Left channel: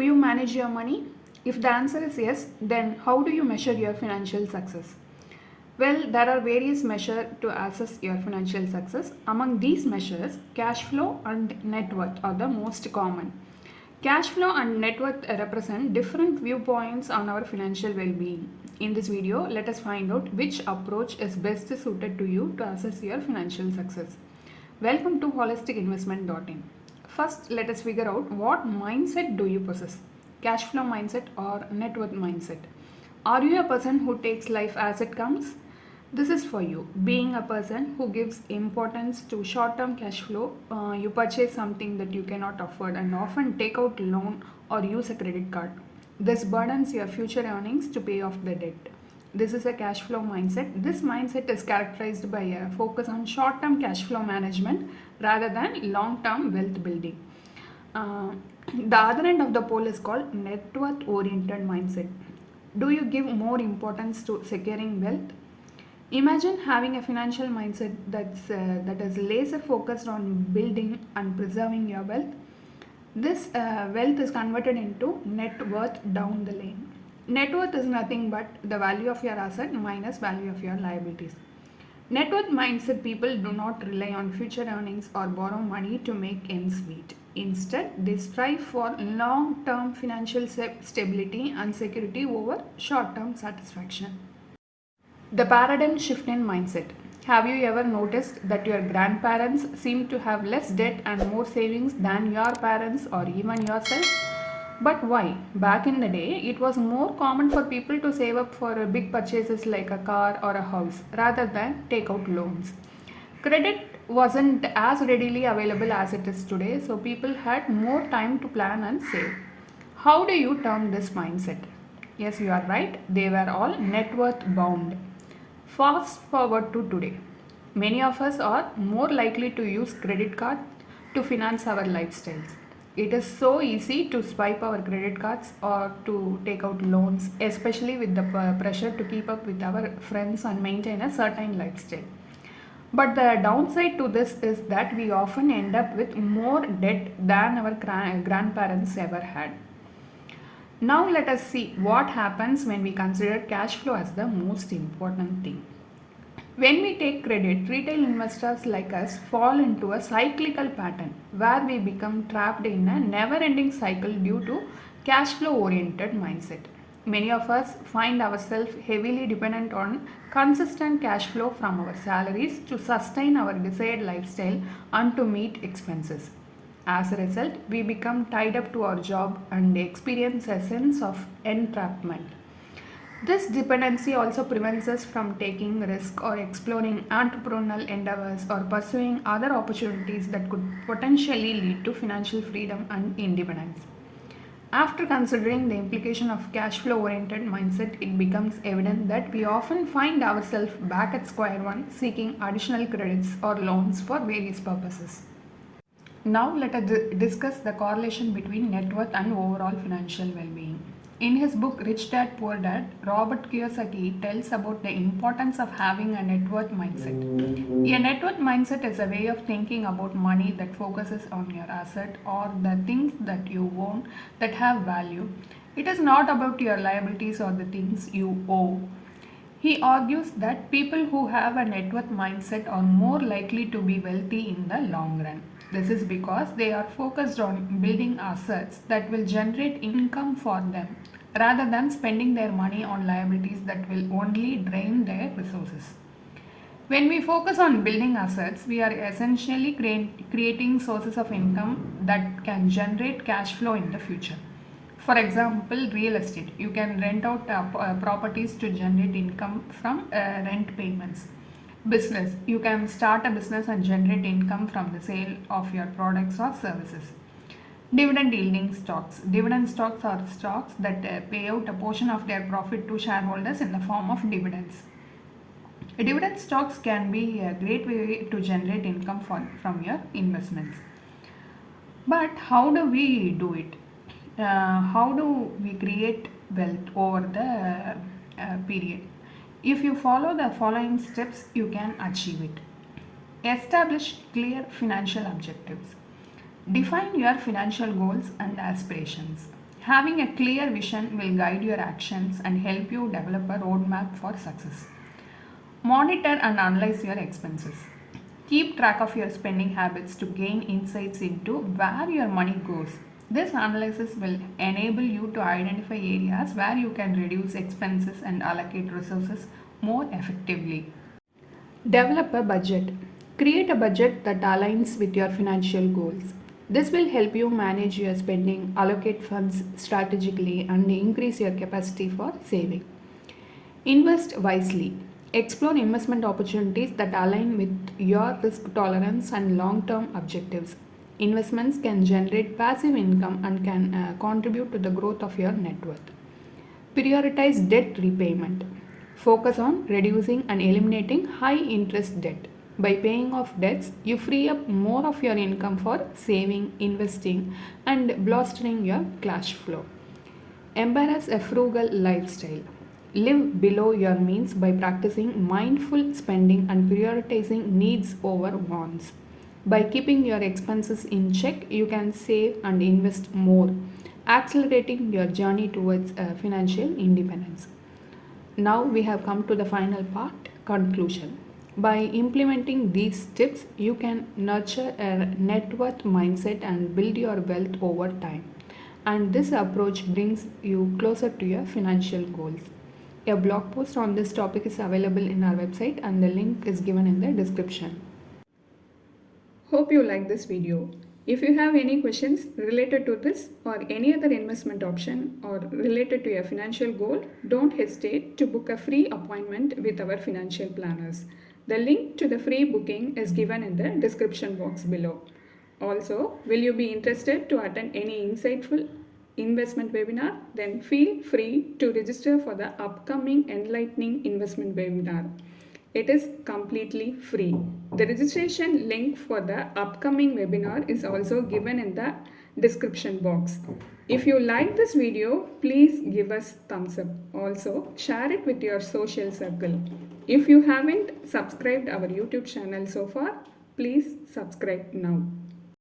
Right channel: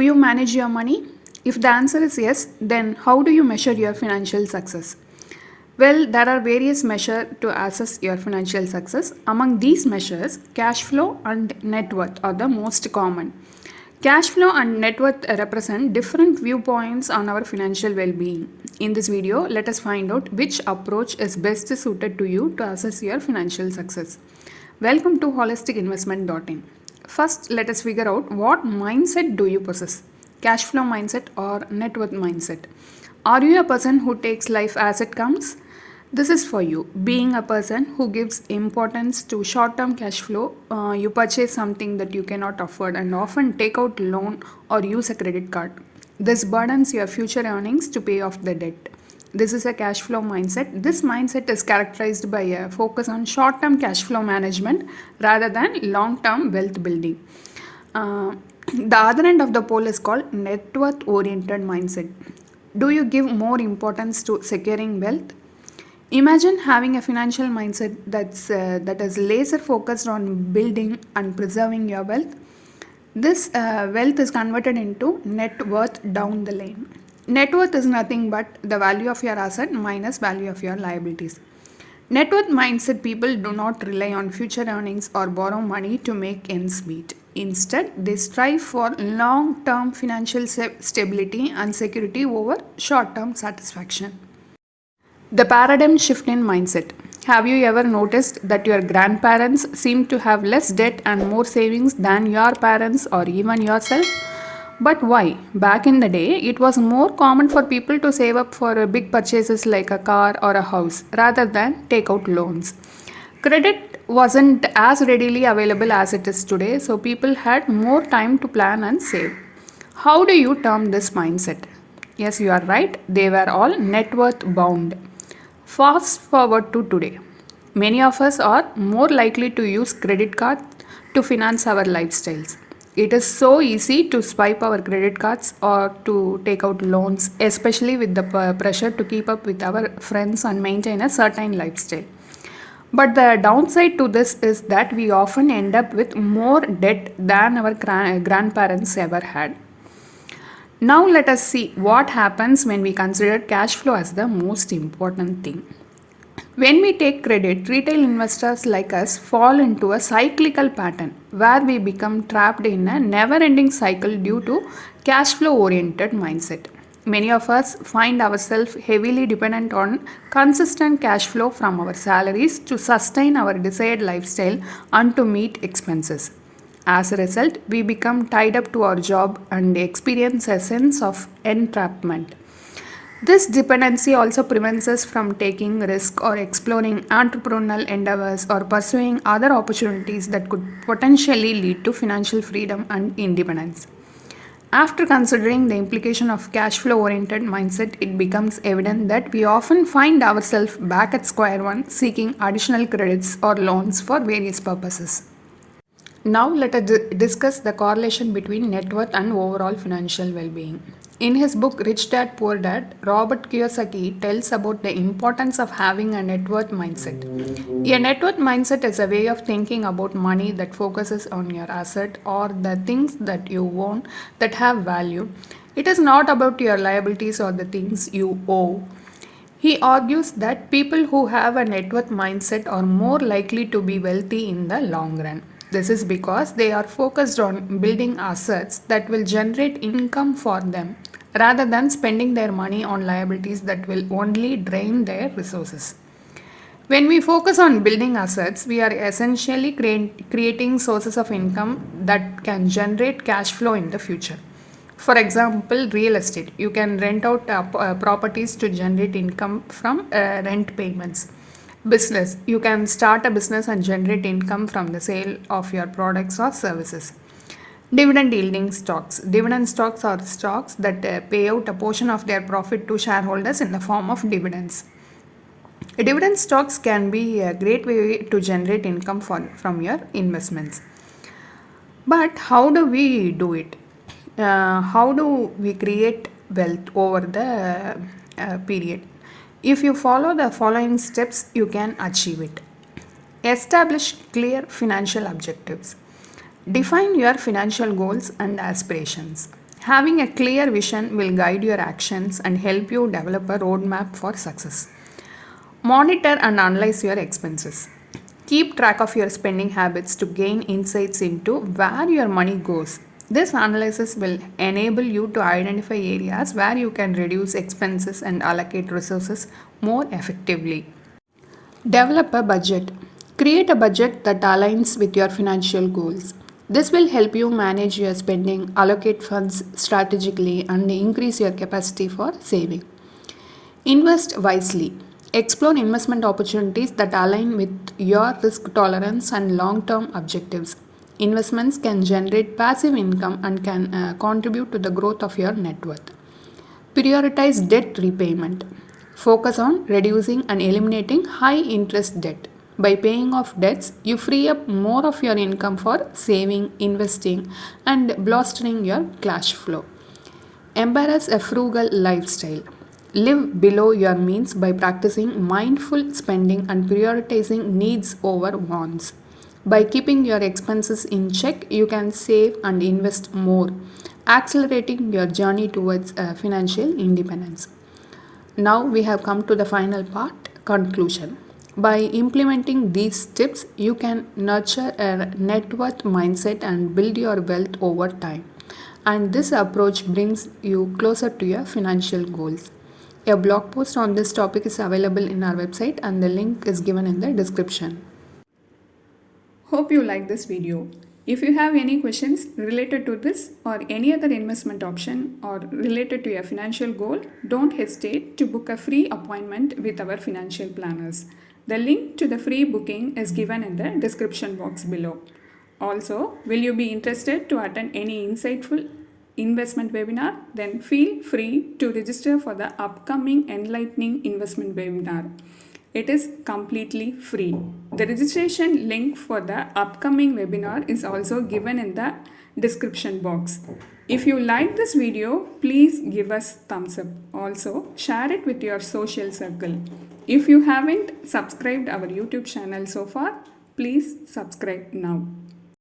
Do you manage your money? If the answer is yes, then how do you measure your financial success? Well, there are various measures to assess your financial success. Among these measures, cash flow and net worth are the most common. Cash flow and net worth represent different viewpoints on our financial well being. In this video, let us find out which approach is best suited to you to assess your financial success. Welcome to holisticinvestment.in. First, let us figure out what mindset do you possess? Cash flow mindset or net worth mindset? Are you a person who takes life as it comes? This is for you. Being a person who gives importance to short term cash flow, you purchase something that you cannot afford and often take out loan or use a credit card. This burdens your future earnings to pay off the debt. This is a cash flow mindset. This mindset is characterized by a focus on short term cash flow management rather than long term wealth building. The other end of the pole is called net worth oriented mindset. Do you give more importance to securing wealth? Imagine having a financial mindset that is laser focused on building and preserving your wealth. This wealth is converted into net worth down the lane. Net worth is nothing but the value of your asset minus value of your liabilities. Net worth mindset people do not rely on future earnings or borrow money to make ends meet. Instead, they strive for long-term financial stability and security over short-term satisfaction. The paradigm shift in mindset. Have you ever noticed that your grandparents seem to have less debt and more savings than your parents or even yourself? But why? Back in the day, it was more common for people to save up for big purchases like a car or a house rather than take out loans. Credit wasn't as readily available as it is today, so people had more time to plan and save. How do you term this mindset? Yes, you are right, they were all net worth bound. Fast forward to today. Many of us are more likely to use credit cards to finance our lifestyles. It is so easy to swipe our credit cards or to take out loans, especially with the pressure to keep up with our friends and maintain a certain lifestyle. But the downside to this is that we often end up with more debt than our grandparents ever had. Now let us see what happens when we consider cash flow as the most important thing. When we take credit, retail investors like us fall into a cyclical pattern where we become trapped in a never-ending cycle due to cash flow oriented mindset. Many of us find ourselves heavily dependent on consistent cash flow from our salaries to sustain our desired lifestyle and to meet expenses. As a result, we become tied up to our job and experience a sense of entrapment. This dependency also prevents us from taking risk or exploring entrepreneurial endeavors or pursuing other opportunities that could potentially lead to financial freedom and independence. After considering the implication of cash flow oriented mindset, it becomes evident that we often find ourselves back at square one seeking additional credits or loans for various purposes. Now let us discuss the correlation between net worth and overall financial well-being. In his book Rich Dad Poor Dad, Robert Kiyosaki tells about the importance of having a net worth mindset. A net worth mindset is a way of thinking about money that focuses on your asset or the things that you own that have value. It is not about your liabilities or the things you owe. He argues that people who have a net worth mindset are more likely to be wealthy in the long run. This is because they are focused on building assets that will generate income for them rather than spending their money on liabilities that will only drain their resources. When we focus on building assets, we are essentially creating sources of income that can generate cash flow in the future. For example, real estate. You can rent out properties to generate income from rent payments. Business. You can start a business and generate income from the sale of your products or services. Dividend yielding stocks. Dividend stocks are stocks that pay out a portion of their profit to shareholders in the form of dividends. Dividend stocks can be a great way to generate income from your investments. But how do we do it? How do we create wealth over the period? If you follow the following steps, you can achieve it. Establish clear financial objectives. Define your financial goals and aspirations. Having a clear vision will guide your actions and help you develop a roadmap for success. Monitor and analyze your expenses. Keep track of your spending habits to gain insights into where your money goes. This analysis will enable you to identify areas where you can reduce expenses and allocate resources more effectively. Develop a budget. Create a budget that aligns with your financial goals. This will help you manage your spending, allocate funds strategically, and increase your capacity for saving. Invest wisely. Explore investment opportunities that align with your risk tolerance and long term objectives. Investments can generate passive income and can contribute to the growth of your net worth. Prioritize debt repayment. Focus on reducing and eliminating high interest debt. By paying off debts, you free up more of your income for saving, investing, and bolstering your cash flow. Embrace a frugal lifestyle. Live below your means by practicing mindful spending and prioritizing needs over wants. By keeping your expenses in check, you can save and invest more, accelerating your journey towards financial independence. Now we have come to the final part, conclusion. By implementing these tips, you can nurture a net worth mindset and build your wealth over time. And this approach brings you closer to your financial goals. A blog post on this topic is available in our website and the link is given in the description. Hope you like this video. If you have any questions related to this or any other investment option or related to your financial goal, don't hesitate to book a free appointment with our financial planners. The link to the free booking is given in the description box below. Also, will you be interested to attend any insightful investment webinar? Then feel free to register for the upcoming enlightening investment webinar. It is completely free. The registration link for the upcoming webinar is also given in the description box. If you like this video, please give us thumbs up. Also, share it with your social circle. If you haven't subscribed our YouTube channel so far, please subscribe now.